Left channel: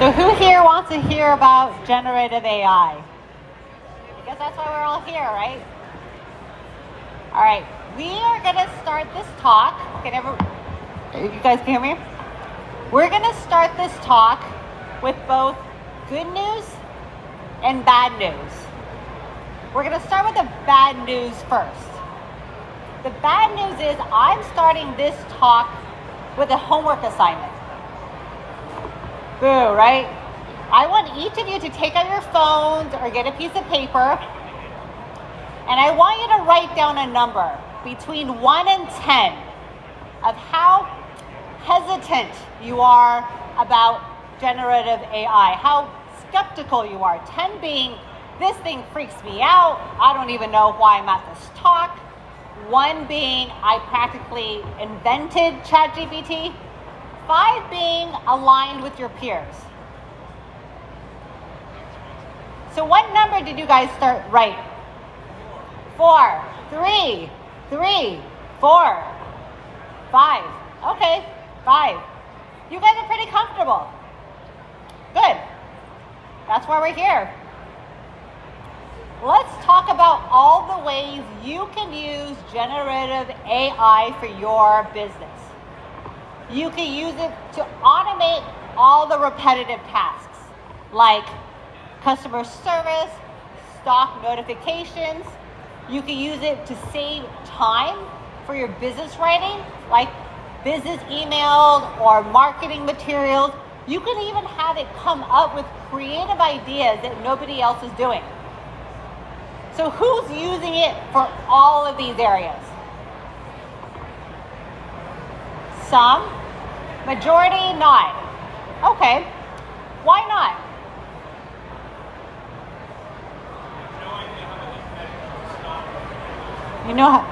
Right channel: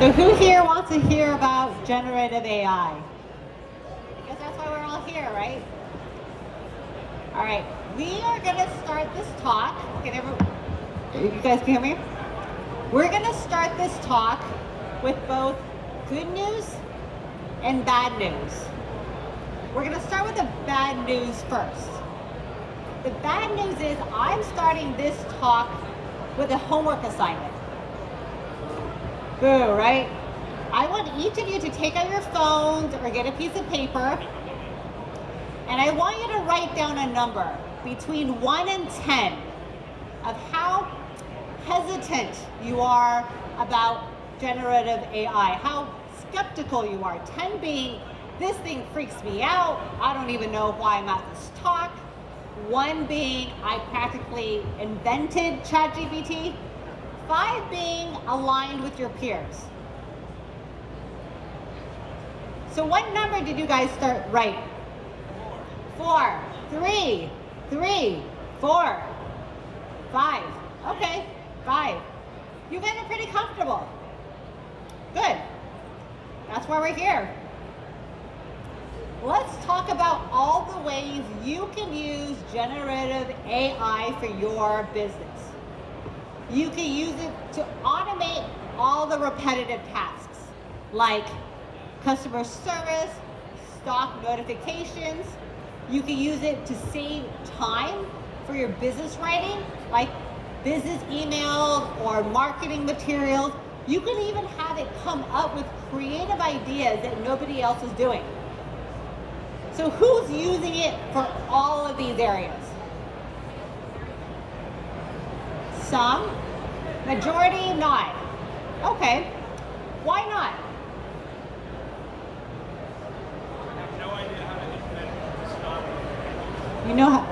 So who here wants to hear about generative AI? Because that's why we're all here, right? All right, we are gonna start this talk. You guys can hear me? We're gonna start this talk with both good news and bad news. We're gonna start with the bad news first. The bad news is I'm starting this talk with a homework assignment. Boo, right? I want each of you to take out your phones or get a piece of paper, and I want you to write down a number between 1 and 10 of how hesitant you are about generative AI, how skeptical you are. 10 being, this thing freaks me out, I don't even know why I'm at this talk. 1 being, I practically invented ChatGPT. 5 being aligned with your peers. So what number did you guys start writing? 4, 3, 4, 5. Okay, 5. You guys are pretty comfortable. Good. That's why we're here. Let's talk about all the ways you can use generative AI for your business. You can use it to automate all the repetitive tasks like customer service, stock notifications. You can use it to save time for your business writing, like business emails or marketing materials. You can even have it come up with creative ideas that nobody else is doing. So who's using it for all of these areas? Some, majority not. Okay, why not? You know how,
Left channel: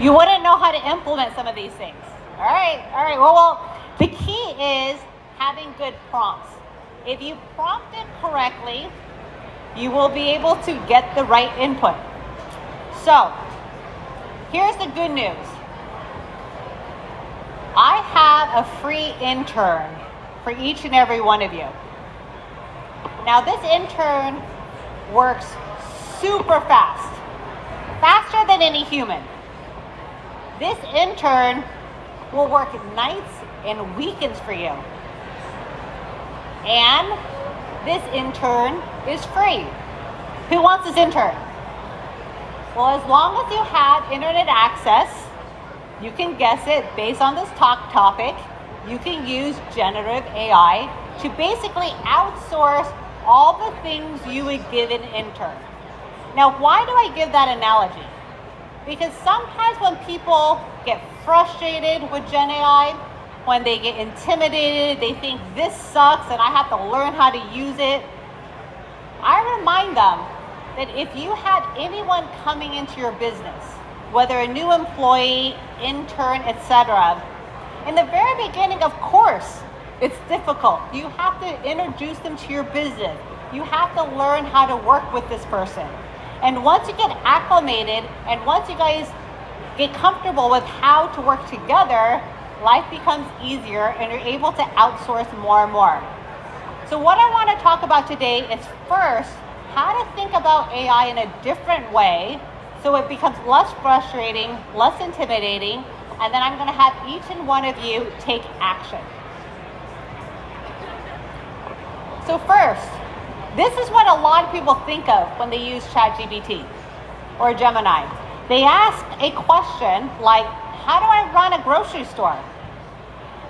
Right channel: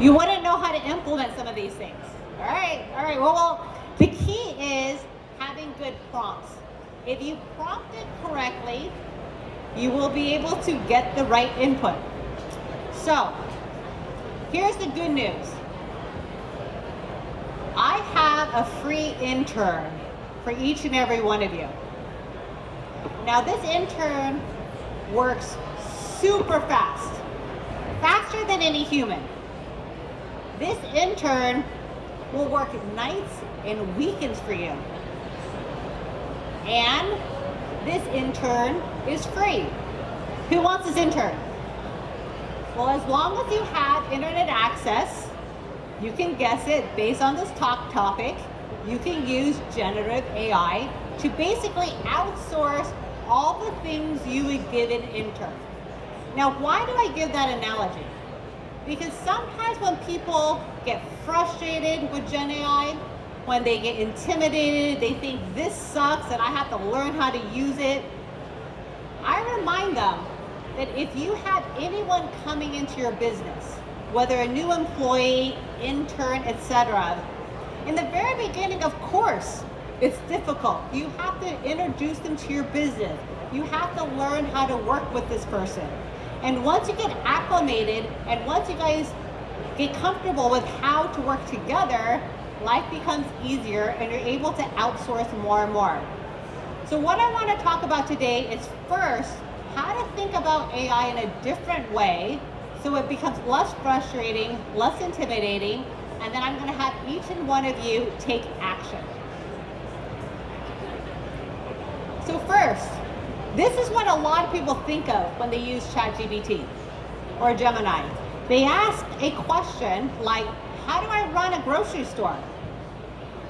you wouldn't know how to implement some of these things. All right. Well, the key is having good prompts. If you prompt it correctly, you will be able to get the right input. So, here's the good news. I have a free intern for each and every one of you. Now, this intern works super fast, faster than any human. This intern will work nights and weekends for you. And this intern is free. Who wants this intern? Well, as long as you have internet access, you can guess it based on this talk topic. You can use generative AI to basically outsource all the things you would give an intern. Now, why do I give that analogy? Because sometimes when people get frustrated with Gen AI, when they get intimidated, they think this sucks and I have to learn how to use it. I remind them that if you had anyone coming into your business, whether a new employee, intern, etc., in the very beginning, of course, it's difficult. You have to introduce them to your business. You have to learn how to work with this person. And once you get acclimated and once you guys get comfortable with how to work together, life becomes easier and you're able to outsource more and more. So what I want to talk about today is first, how to think about AI in a different way so it becomes less frustrating, less intimidating, and then I'm going to have each and one of you take action. So first, this is what a lot of people think of when they use ChatGPT or Gemini. They ask a question like, how do I run a grocery store?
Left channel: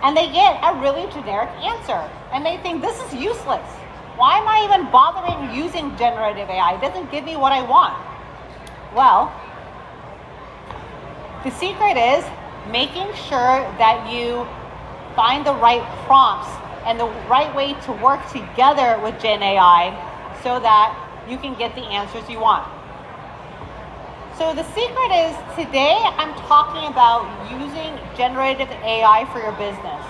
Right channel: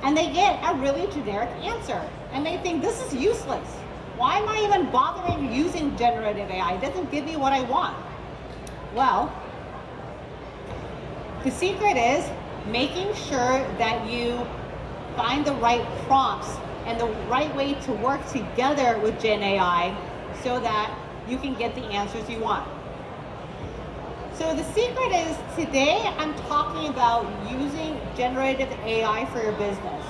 And they get a really generic answer. And they think, this is useless. Why am I even bothering using generative AI? It doesn't give me what I want. Well, the secret is making sure that you find the right prompts and the right way to work together with Gen AI so that you can get the answers you want. So the secret is today I'm talking about using generative AI for your business.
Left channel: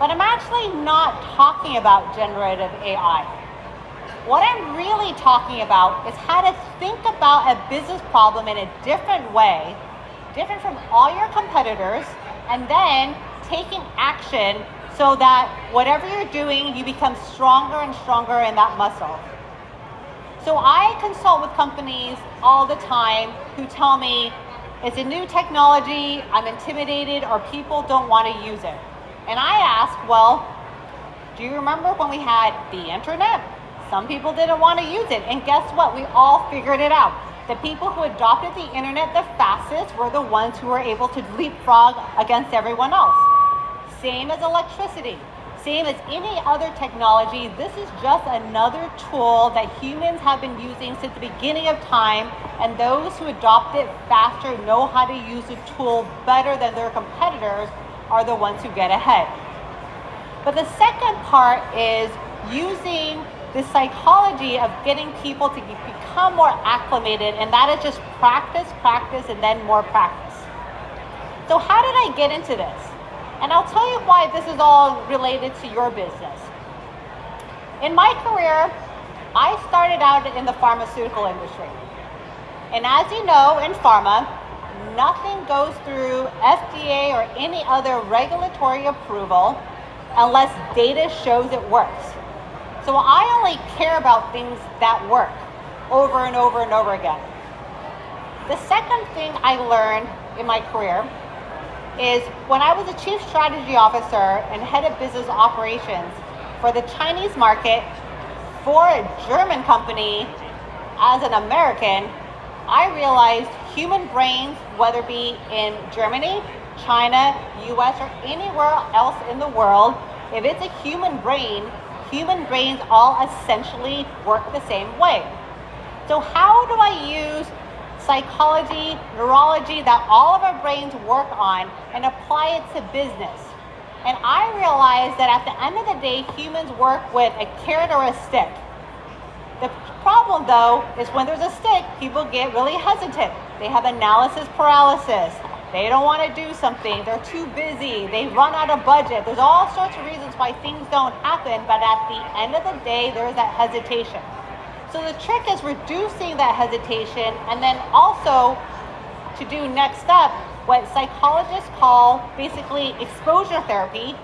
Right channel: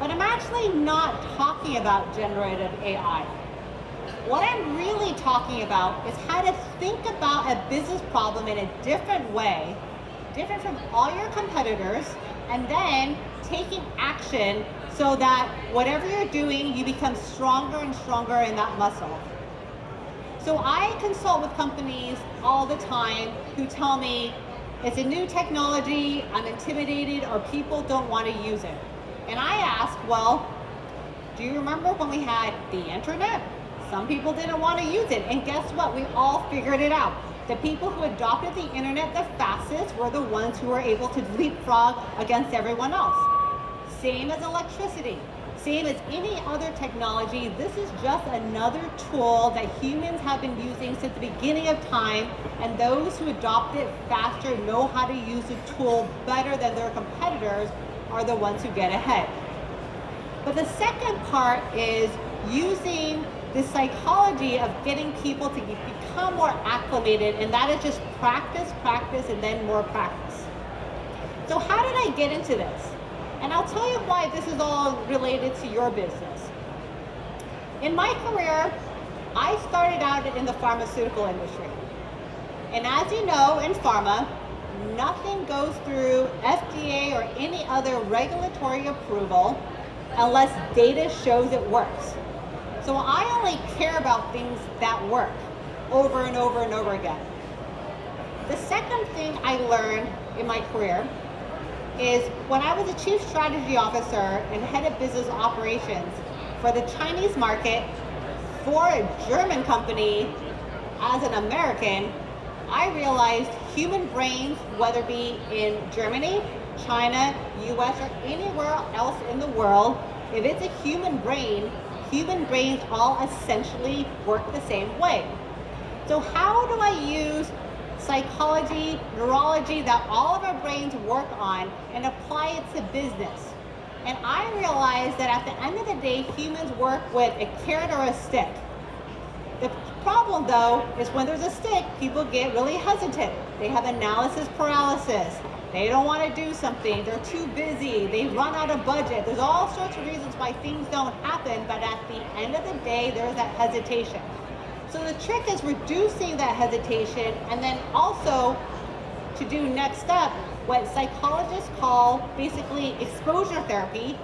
But I'm actually not talking about generative AI. What I'm really talking about is how to think about a business problem in a different way, different from all your competitors, and then taking action so that whatever you're doing, you become stronger and stronger in that muscle. So I consult with companies all the time who tell me it's a new technology, I'm intimidated, or people don't want to use it. And I ask, well, do you remember when we had the internet? Some people didn't want to use it, and guess what? We all figured it out. The people who adopted the internet the fastest were the ones who were able to leapfrog against everyone else. Same as electricity, same as any other technology. This is just another tool that humans have been using since the beginning of time, and those who adopt it faster, know how to use the tool better than their competitors, are the ones who get ahead. But the second part is using the psychology of getting people to become more acclimated, and that is just practice, and then more practice. So how did I get into this? And I'll tell you why this is all related to your business. In my career, I started out in the pharmaceutical industry. And as you know, in pharma, nothing goes through FDA or any other regulatory approval unless data shows it works. So I only care about things that work over and over and over again. The second thing I learned in my career is when I was a chief strategy officer and head of business operations for the Chinese market for a German company as an American, I realized human brains, whether it be in Germany, China, US, or anywhere else in the world, if it's a human brains all essentially work the same way. So how do I use psychology, neurology that all of our brains work on and apply it to business? And I realized that at the end of the day, humans work with a carrot or a stick. The problem though is when there's a stick, people get really hesitant. They have analysis paralysis. They don't want to do something. They're too busy. They run out of budget. There's all sorts of reasons why things don't happen, but at the end of the day, there's that hesitation. So the trick is reducing that hesitation, and then also to do next up what psychologists call basically exposure therapy,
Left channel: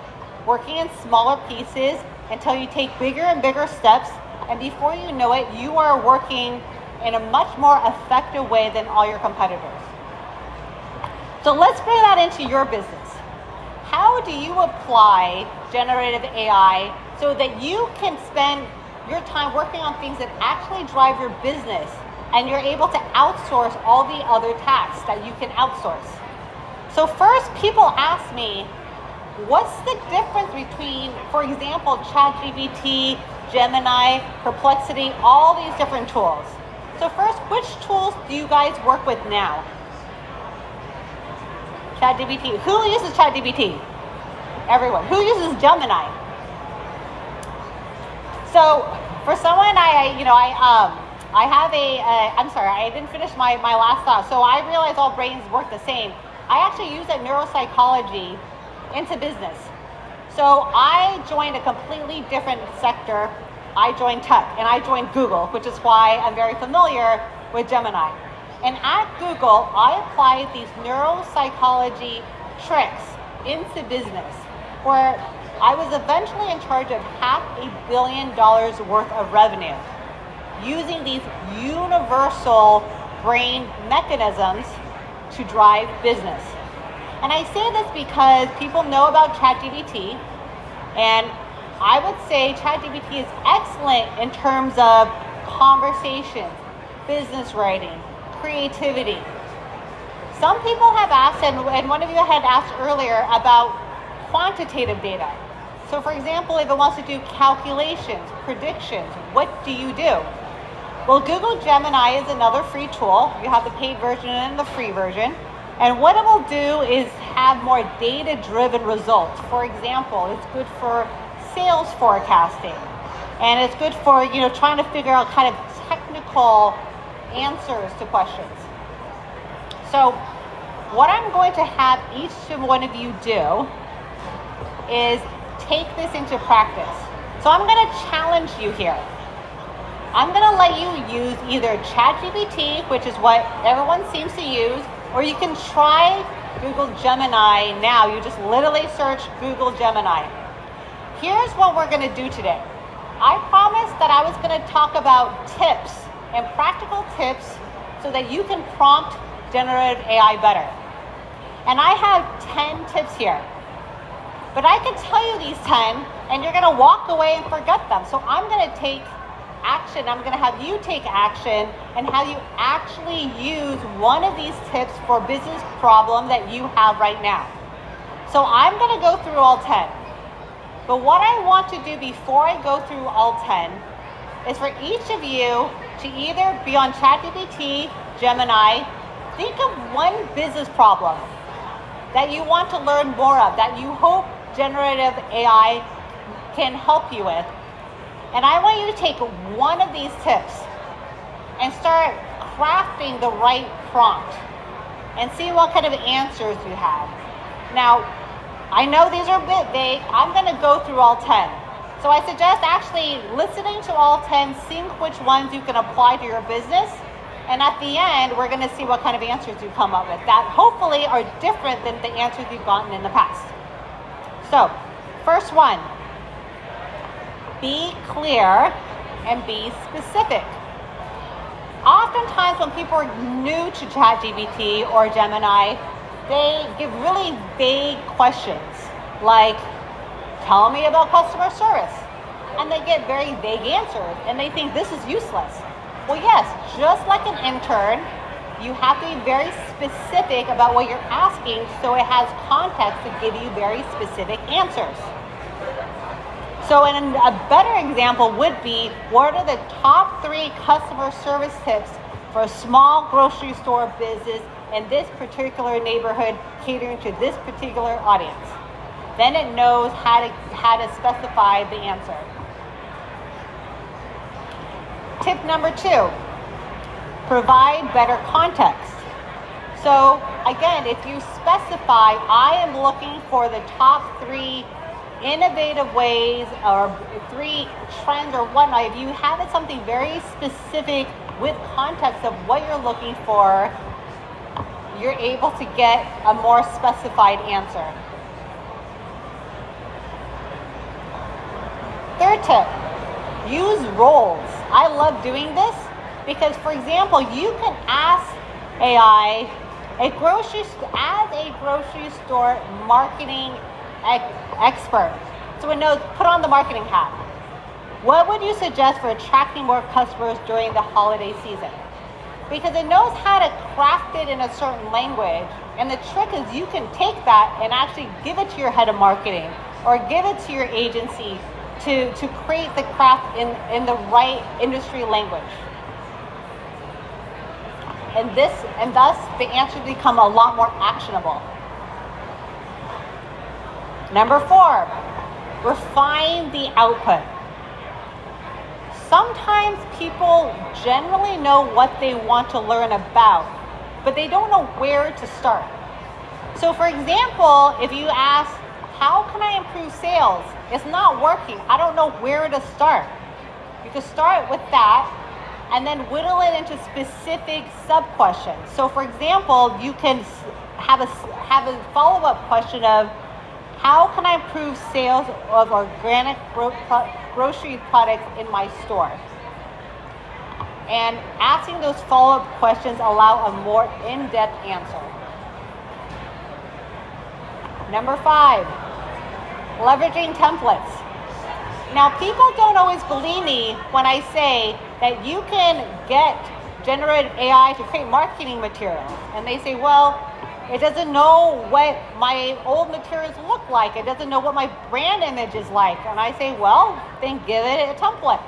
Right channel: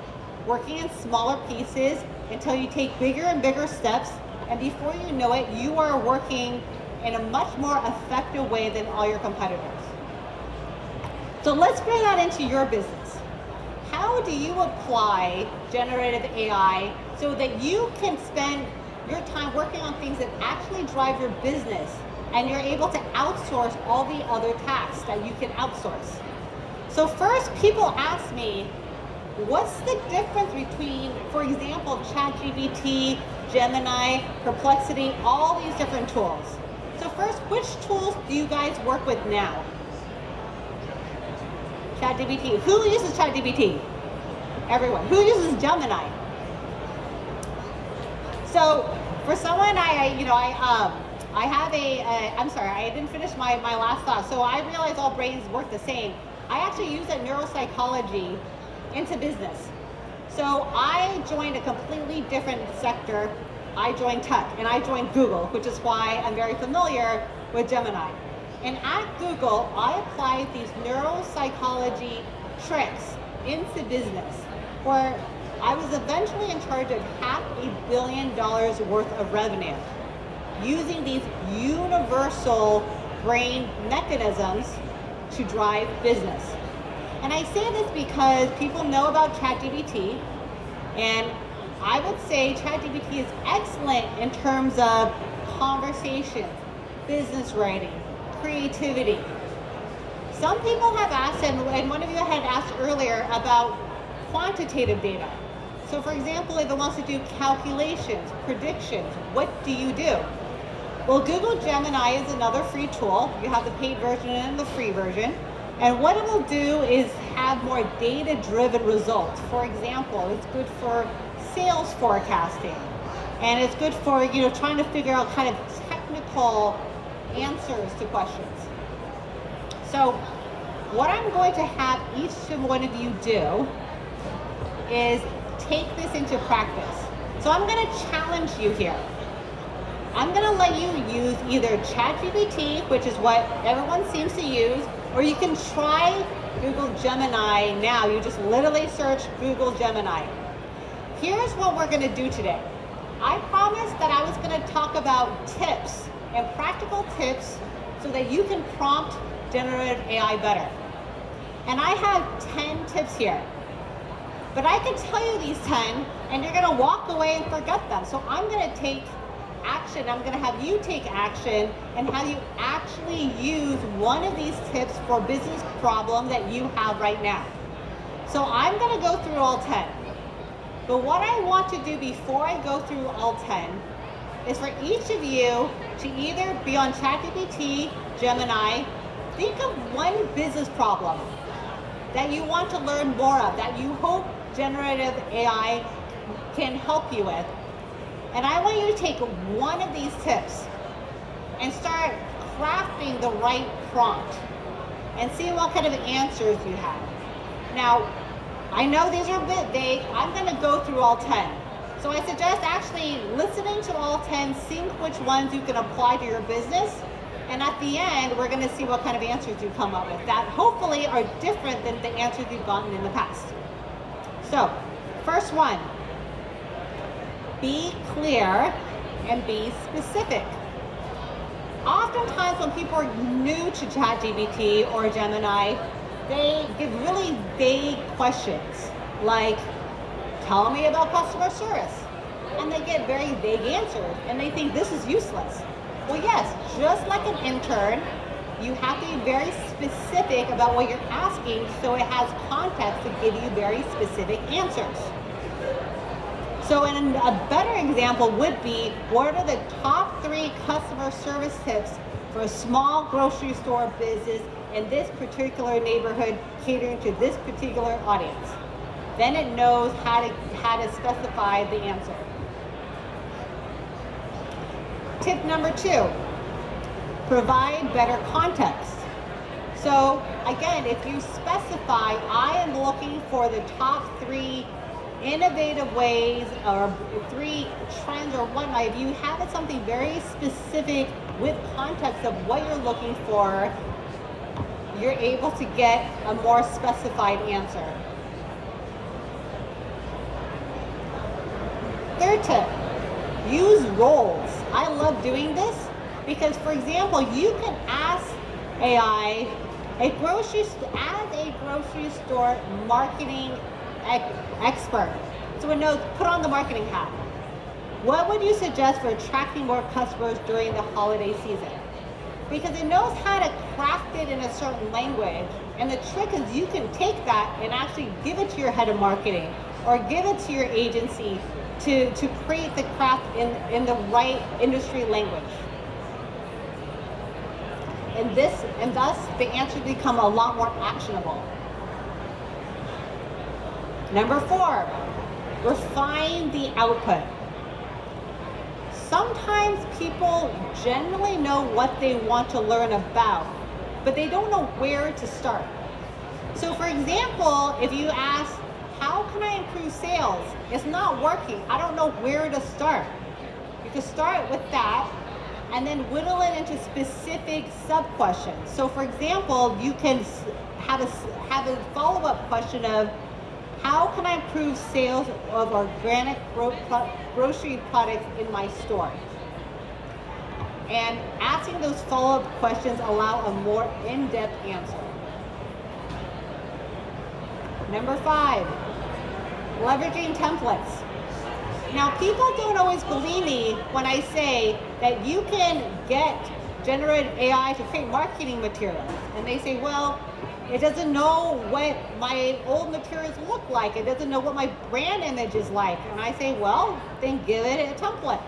working in smaller pieces until you take bigger and bigger steps, and before you know it, you are working in a much more effective way than all your competitors. So let's bring that into your business. How do you apply generative AI so that you can spend your time working on things that actually drive your business, and you're able to outsource all the other tasks that you can outsource? So first, people ask me, what's the difference between, for example, ChatGPT, Gemini, Perplexity, all these different tools? So first, which tools do you guys work with now? ChatGPT. Who uses ChatGPT? Everyone. Who uses Gemini? So for someone, I have I'm sorry, I didn't finish my last thought. So I realized all brains work the same. I actually use that neuropsychology into business. So I joined a completely different sector. I joined tech, and I joined Google, which is why I'm very familiar with Gemini. And at Google, I applied these neuropsychology tricks into business, where I was eventually in charge of $500 million worth of revenue using these universal brain mechanisms to drive business. And I say this because people know about ChatGPT, and I would say ChatGPT is excellent in terms of conversation, business writing, creativity. Some people have asked, and one of you had asked earlier about quantitative data. So for example, if it wants to do calculations, predictions, what do you do? Well, Google Gemini is another free tool. You have the paid version and the free version. And what it will do is have more data-driven results. For example, it's good for sales forecasting. And it's good for, trying to figure out kind of technical answers to questions. So what I'm going to have each one of you do is take this into practice. So I'm going to challenge you here. I'm going to let you use either ChatGPT, which is what everyone seems to use, or you can try Google Gemini now. You just literally search Google Gemini. Here's what we're going to do today. I promised that I was going to talk about tips and practical tips so that you can prompt generative AI better. And I have 10 tips here. But I can tell you these 10 and you're going to walk away and forget them. So I'm going to take action. I'm going to have you take action and how you actually use one of these tips for a business problem that you have right now. So I'm going to go through all 10. But what I want to do before I go through all 10 is for each of you to either be on ChatGPT, Gemini, think of one business problem that you want to learn more of, that you hope generative AI can help you with. And I want you to take one of these tips and start crafting the right prompt and see what kind of answers you have. Now, I know these are a bit vague. I'm going to go through all 10. So I suggest actually listening to all 10, seeing which ones you can apply to your business. And at the end, we're going to see what kind of answers you come up with that hopefully are different than the answers you've gotten in the past. So, first one, be clear and be specific. Oftentimes when people are new to ChatGPT or Gemini, they give really vague questions like, tell me about customer service. And they get very vague answers and they think this is useless. Well, yes, just like an intern, you have to be very specific about what you're asking so it has context to give you very specific answers. So a better example would be, what are the top 3 customer service tips for a small grocery store business in this particular neighborhood catering to this particular audience? Then it knows how to specify the answer. Tip number 2, provide better context. So again, if you specify, I am looking for the top 3 innovative ways or 3 trends or whatnot, if you have it something very specific with context of what you're looking for, you're able to get a more specified answer. Third tip, use roles. I love doing this because, for example, you can ask AI as a grocery store marketing expert. So it knows, put on the marketing hat. What would you suggest for attracting more customers during the holiday season? Because it knows how to craft it in a certain language. And the trick is you can take that and actually give it to your head of marketing or give it to your agency to create the craft in the right industry language. And thus the answers become a lot more actionable. Number 4, refine the output. Sometimes people generally know what they want to learn about, but they don't know where to start. So for example, if you ask, how can I improve sales? It's not working. I don't know where to start. You can start with that and then whittle it into specific sub-questions. So for example, you can have a follow-up question of, how can I improve sales of organic grocery products in my store? And asking those follow-up questions allow a more in-depth answer. Number 5, leveraging templates. Now, people don't always believe me when I say that you can get generative AI to create marketing materials. And they say, well, it doesn't know what my old materials look like. It doesn't know what my brand image is like. And I say, well, then give it a template.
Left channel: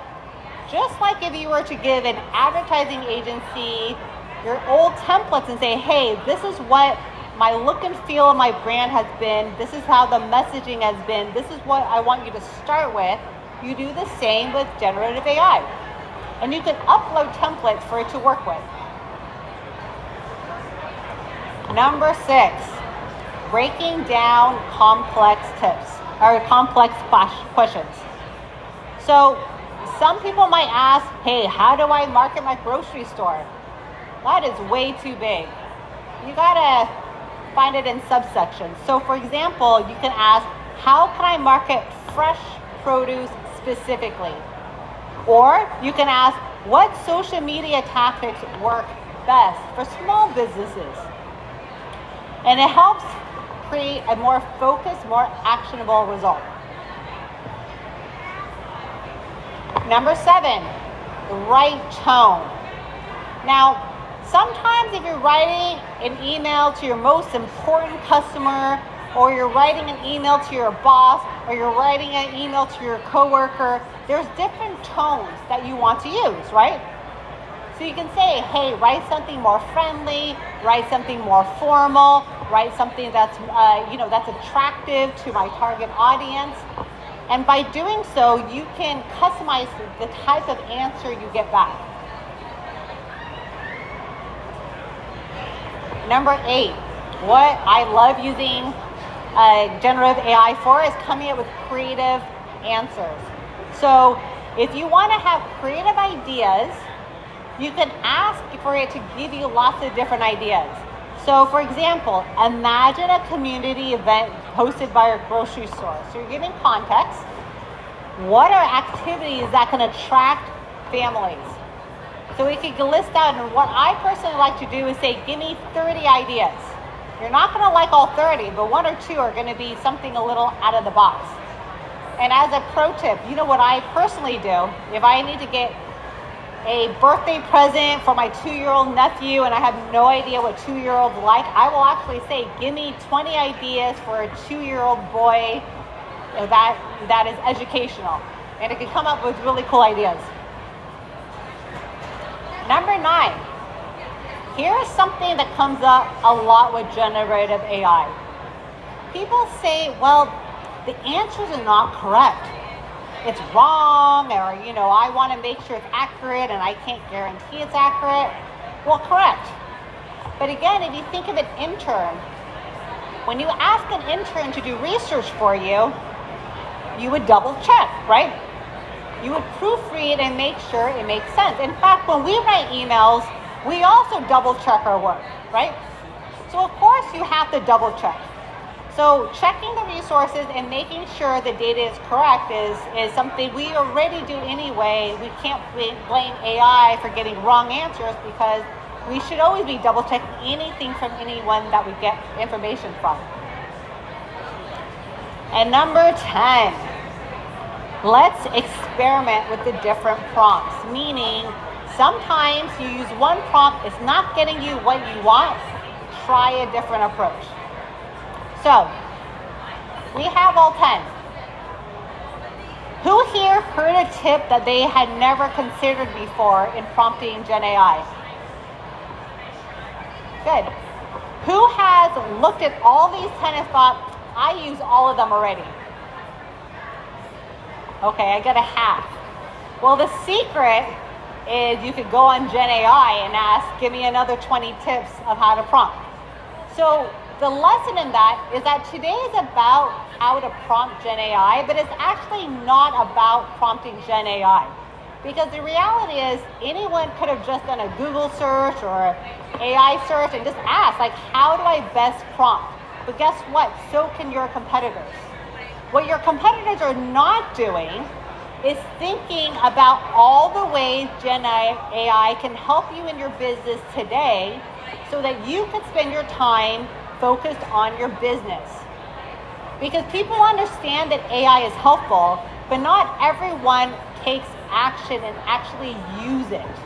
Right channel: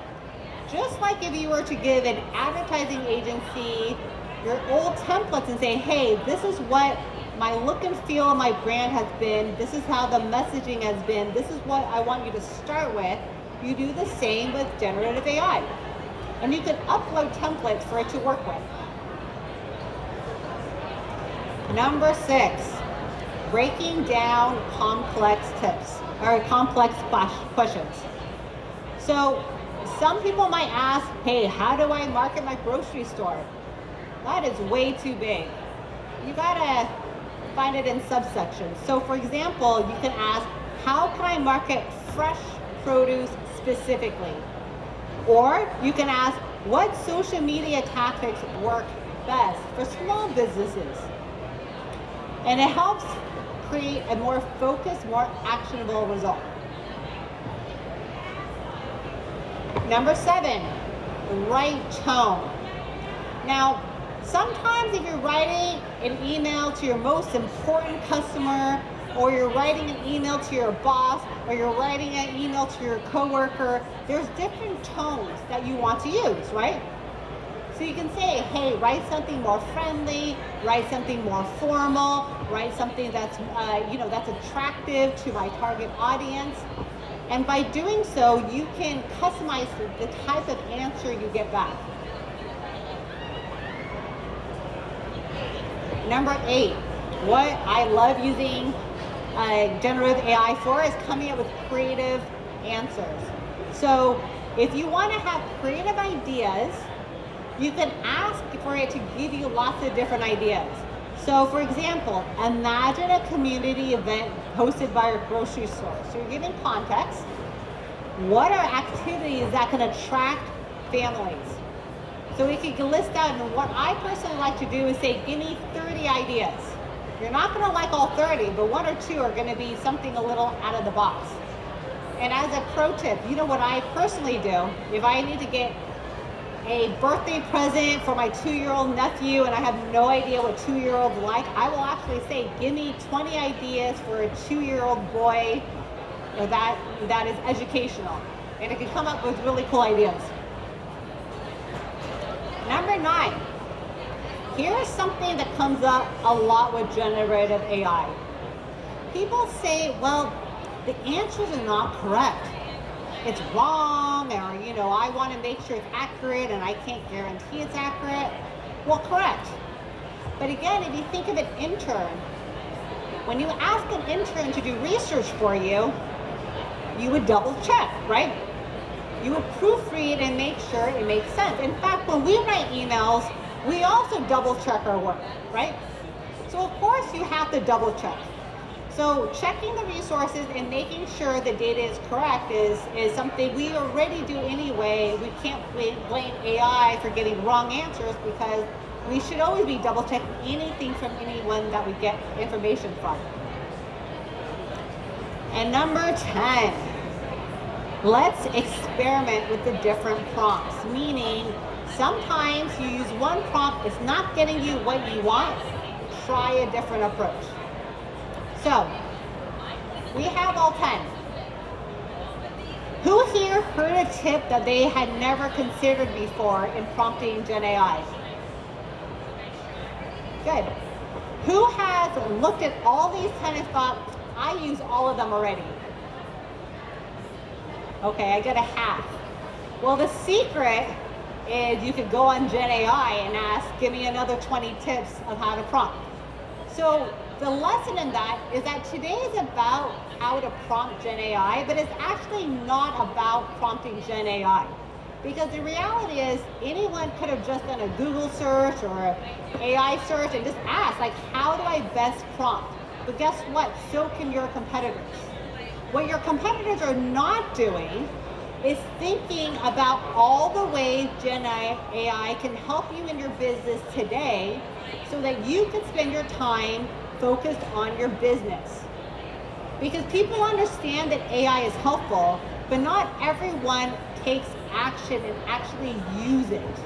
Just like if you were to give an advertising agency your old templates and say, hey, this is what my look and feel of my brand has been. This is how the messaging has been. This is what I want you to start with. You do the same with generative AI. And you can upload templates for it to work with. Number 6, breaking down complex tips or complex questions. So some people might ask, hey, how do I market my grocery store? That is way too big. You gotta find it in subsections. So for example, you can ask, how can I market fresh produce specifically? Or you can ask, what social media tactics work best for small businesses? And it helps create a more focused, more actionable result. Number 7, the right tone. Now, sometimes if you're writing an email to your most important customer, or you're writing an email to your boss, or you're writing an email to your coworker, there's different tones that you want to use, right? So you can say, hey, write something more friendly, write something more formal, write something that's, that's attractive to my target audience. And by doing so, you can customize the type of answer you get back. Number 8, what I love using generative AI for is coming up with creative answers. So if you want to have creative ideas, you can ask for it to give you lots of different ideas. So for example, imagine a community event hosted by a grocery store. So you're giving context. What are activities that can attract families? So we could list out, and what I personally like to do is say, give me 30 ideas. You're not going to like all 30, but 1 or 2 are going to be something a little out of the box. And as a pro tip, you know what I personally do? If I need to get a birthday present for my 2-year-old nephew and I have no idea what 2-year-olds like, I will actually say, give me 20 ideas for a 2-year-old boy that is educational. And it can come up with really cool ideas. Number 9. Here's something that comes up a lot with generative AI. People say, well, the answers are not correct. It's wrong, or, I want to make sure it's accurate and I can't guarantee it's accurate. Well, correct. But again, if you think of an intern, when you ask an intern to do research for you, you would double check, right? You would proofread and make sure it makes sense. In fact, when we write emails, we also double check our work, right? So of course you have to double check. So checking the resources and making sure the data is correct is something we already do anyway. We can't blame AI for getting wrong answers, because we should always be double checking anything from anyone that we get information from. And number 10, let's experiment with the different prompts, meaning sometimes you use one prompt, it's not getting you what you want, try a different approach. So, we have all 10. Who here heard a tip that they had never considered before in prompting Gen AI? Good. Who has looked at all these 10 and thought, I use all of them already? Okay, I got a half. Well, the secret is you could go on Gen AI and ask, give me another 20 tips of how to prompt. So the lesson in that is that today is about how to prompt Gen AI, but it's actually not about prompting Gen AI. Because the reality is anyone could have just done a Google search or AI search and just asked, like, how do I best prompt? But guess what? So can your competitors. What your competitors are not doing is thinking about all the ways Gen AI can help you in your business today so that you can spend your time focused on your business. Because people understand that AI is helpful, but not everyone takes action and actually use it.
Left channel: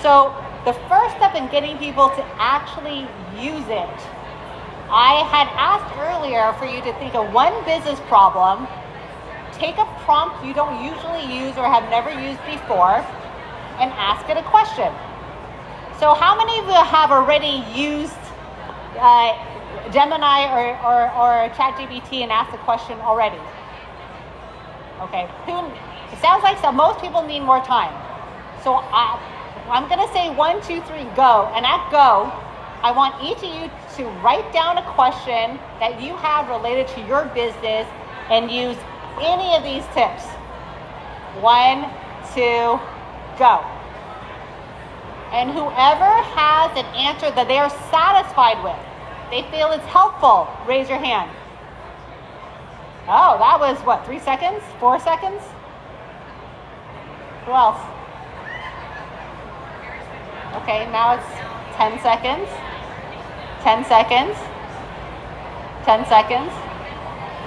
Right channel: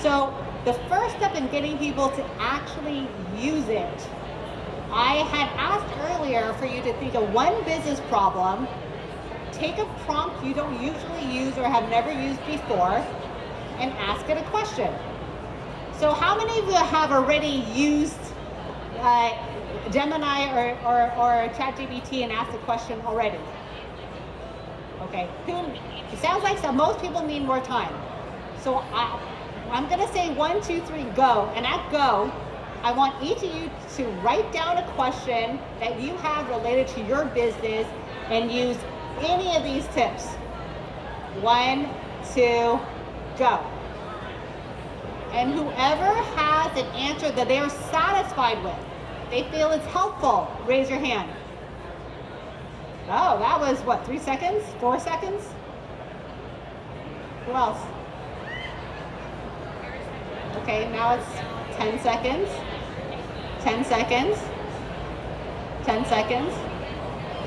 So the first step in getting people to actually use it, I had asked earlier for you to think of one business problem, take a prompt you don't usually use or have never used before, and ask it a question. So how many of you have already used Gemini or ChatGPT and asked the question already? Okay, it sounds like most people need more time. So I'm gonna say 1, 2, 3, go. And at go, I want each of you to write down a question that you have related to your business and use any of these tips. 1, 2, go. And whoever has an answer that they are satisfied with, they feel it's helpful, raise your hand. Oh, that was what, 3 seconds? 4 seconds? Who else? Okay, now it's 10 seconds. 10 seconds. 10 seconds.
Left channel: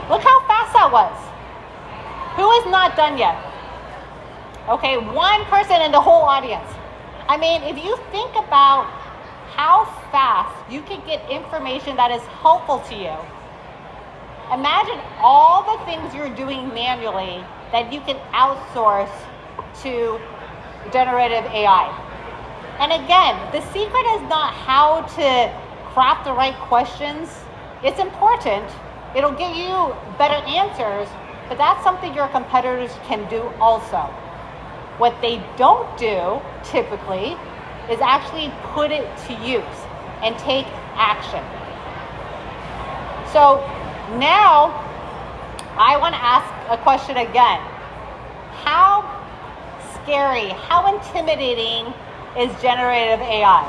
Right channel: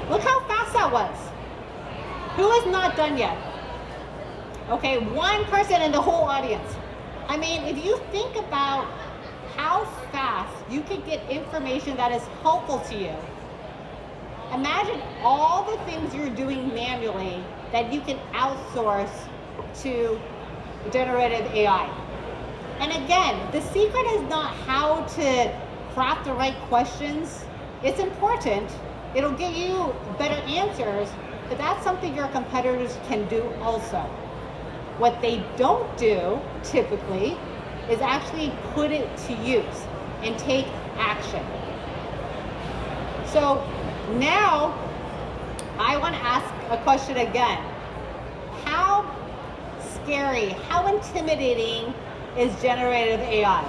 Look how fast that was. Who is not done yet? Okay, one person in the whole audience. I mean, if you think about how fast you can get information that is helpful to you, imagine all the things you're doing manually that you can outsource to generative AI. And again, the secret is not how to craft the right questions. It's important. It'll give you better answers, but that's something your competitors can do also. What they don't do, typically, is actually put it to use and take action. So now, I want to ask a question again. How scary, how intimidating is generative AI?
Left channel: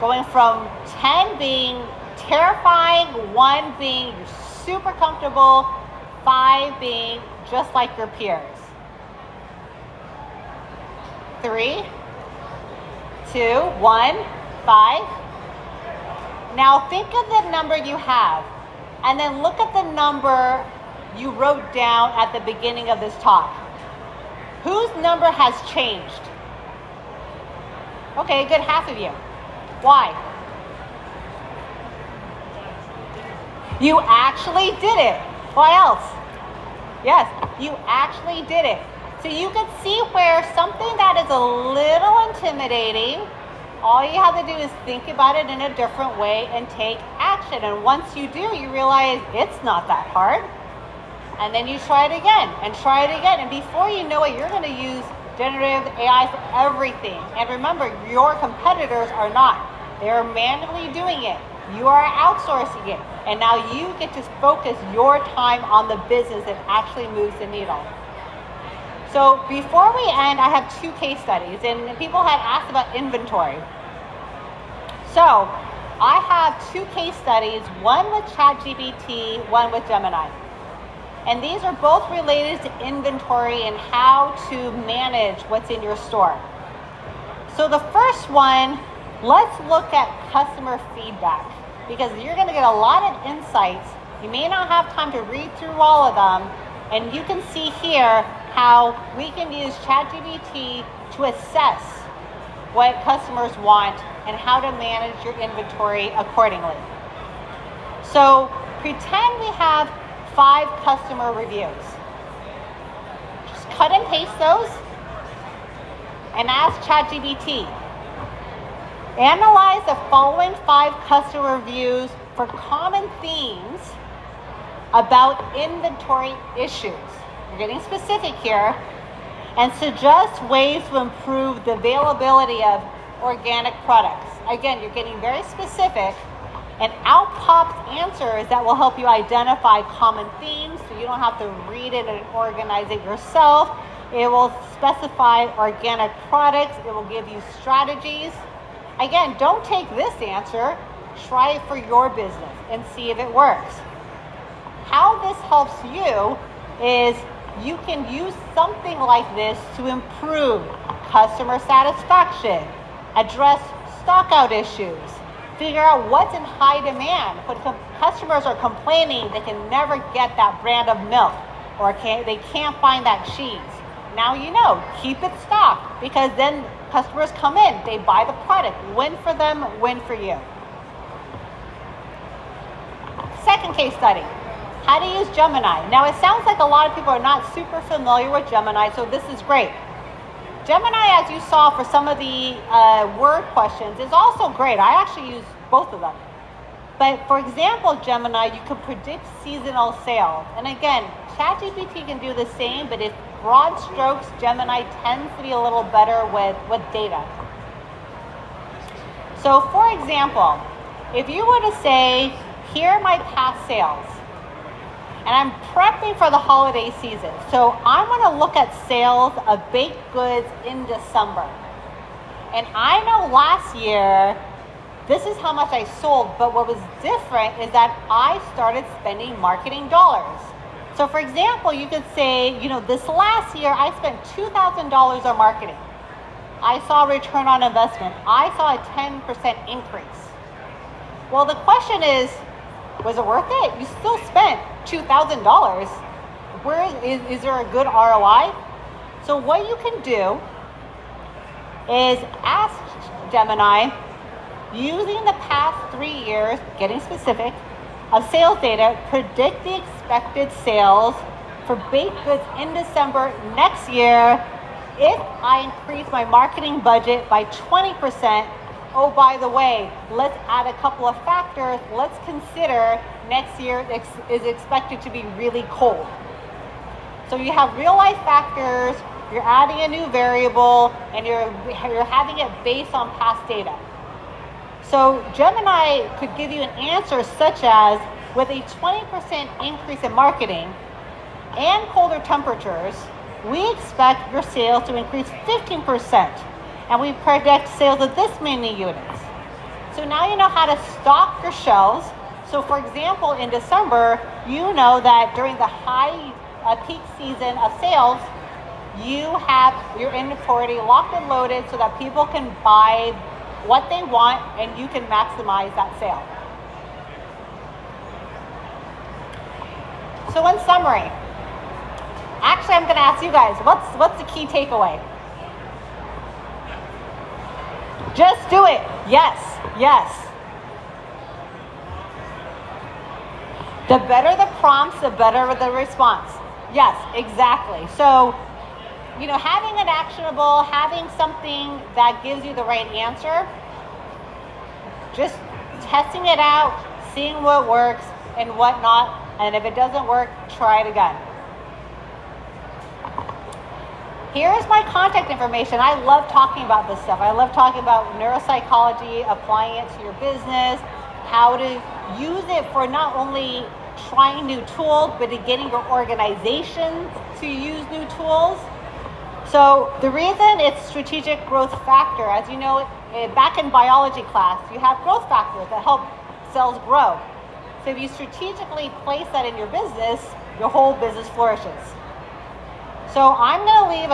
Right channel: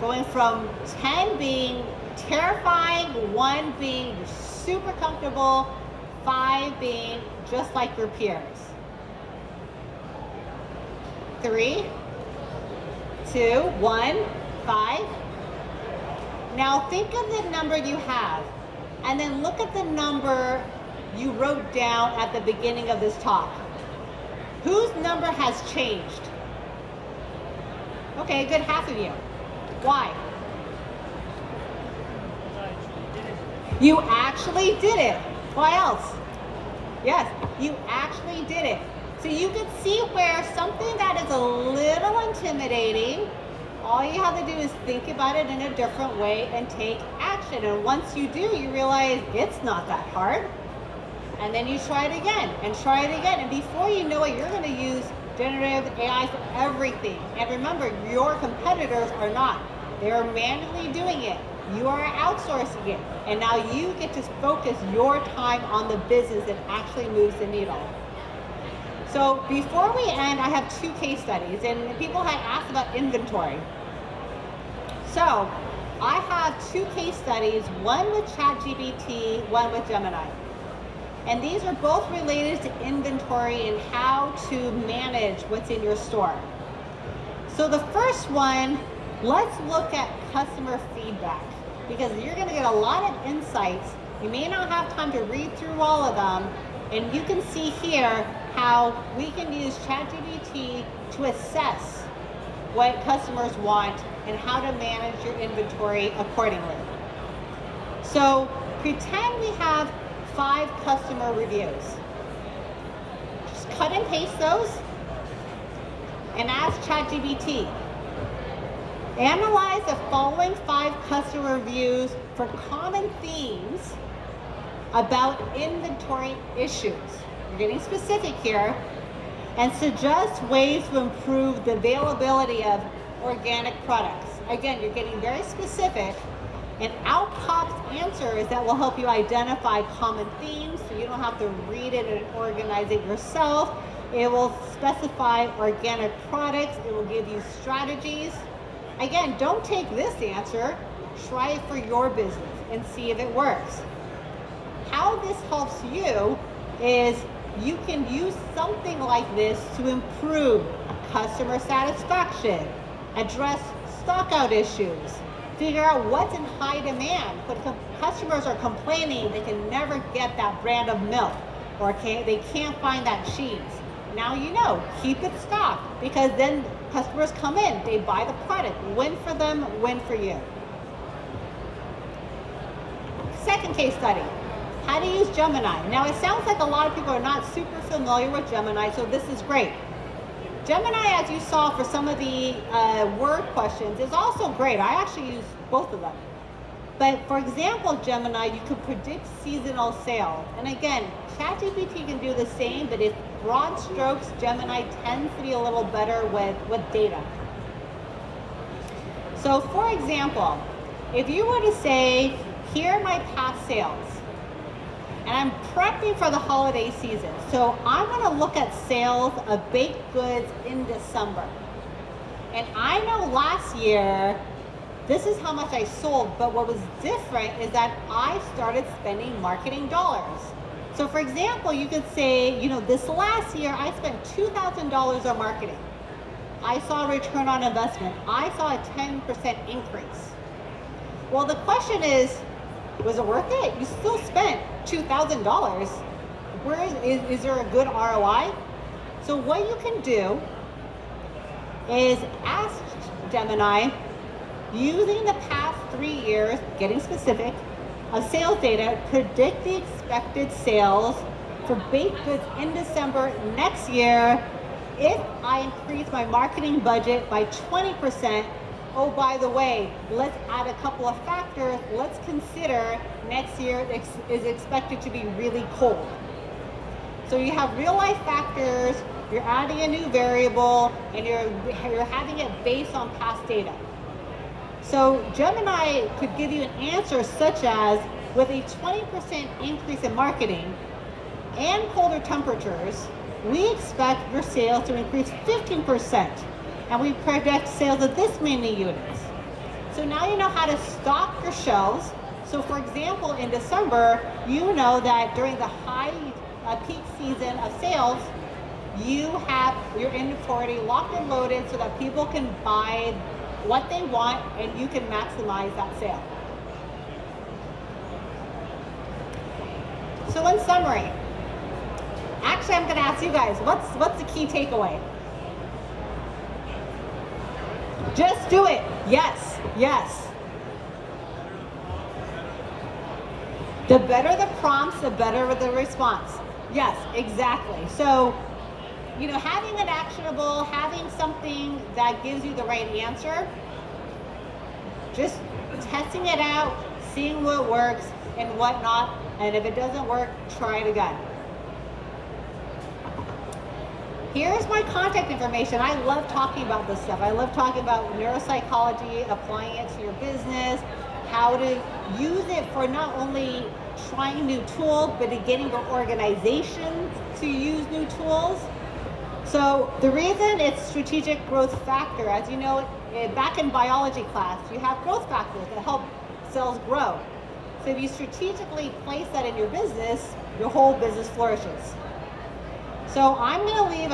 Going from 10 being terrifying, 1 being super comfortable, 5 being just like your peers. 3, 2, 1, 5. Now think of the number you have, and then look at the number you wrote down at the beginning of this talk. Whose number has changed? Okay, a good half of you. Why? You actually did it. Why else? Yes, you actually did it. So you can see where something that is a little intimidating, all you have to do is think about it in a different way and take action. And once you do, you realize it's not that hard. And then you try it again and try it again. And before you know it, you're going to use generative AI for everything. And remember, your competitors are not. They're manually doing it. You are outsourcing it. And now you get to focus your time on the business that actually moves the needle. So before we end, I have 2 case studies, and people had asked about inventory. So I have 2 case studies, one with ChatGPT, one with Gemini. And these are both related to inventory and how to manage what's in your store. So the first one, let's look at customer feedback, because you're going to get a lot of insights. You may not have time to read through all of them, and you can see here how we can use ChatGPT to assess what customers want and how to manage your inventory accordingly. So pretend we have 5 customer reviews. Just cut and paste those and ask ChatGPT. Analyze the following 5 customer reviews for common themes about inventory issues. You're getting specific here, and suggest ways to improve the availability of organic products. Again, you're getting very specific, and out pops answers that will help you identify common themes, so you don't have to read it and organize it yourself. It will specify organic products. It will give you strategies. Again, don't take this answer. Try it for your business and see if it works. How this helps you is you can use something like this to improve customer satisfaction, address stockout issues, figure out what's in high demand. When customers are complaining they can never get that brand of milk, or they can't find that cheese. Now you know, keep it stocked, because then customers come in, they buy the product. Win for them, win for you. Second case study. How to use Gemini. Now it sounds like a lot of people are not super familiar with Gemini, so this is great. Gemini, as you saw for some of the word questions, is also great. I actually use both of them. But for example, Gemini, you could predict seasonal sales. And again, ChatGPT can do the same, but in broad strokes, Gemini tends to be a little better with data. So for example, if you were to say, here are my past sales, and I'm prepping for the holiday season. So I'm going to look at sales of baked goods in December. And I know last year This is how much I sold, but what was different is that I started spending marketing dollars. So for example, you could say, this last year I spent $2,000 on marketing. I saw return on investment. I saw a 10% increase. Well, the question is, was it worth it? You still spent $2,000. Where is there a good ROI? So what you can do is ask Gemini, using the past 3 years, getting specific, of sales data, predict the expected sales for baked goods in December next year if I increase my marketing budget by 20%. Oh, by the way, let's add a couple of factors. Let's consider next year is expected to be really cold. So you have real life factors, you're adding a new variable, and you're having it based on past data. So Gemini could give you an answer such as, with a 20% increase in marketing and colder temperatures, we expect your sales to increase 15%, and we predict sales of this many units. So now you know how to stock your shelves. So for example, in December, you know that during the high peak season of sales, you have your inventory locked and loaded so that people can buy what they want and you can maximize that sale. So in summary, actually I'm going to ask you guys, what's the key takeaway? Just do it. Yes, yes. The better the prompts, the better the response. Yes, exactly. So, having it actionable, having something that gives you the right answer, just testing it out, seeing what works and what not, and if it doesn't work, try it again. Here's my contact information. I love talking about this stuff. I love talking about neuropsychology, applying it to your business, how to use it for not only trying new tools, but in getting your organization to use new tools. So the reason it's strategic growth factor, as you know, back in biology class, you have growth factors that help cells grow. So if you strategically place that in your business, your whole business flourishes. So I'm going to leave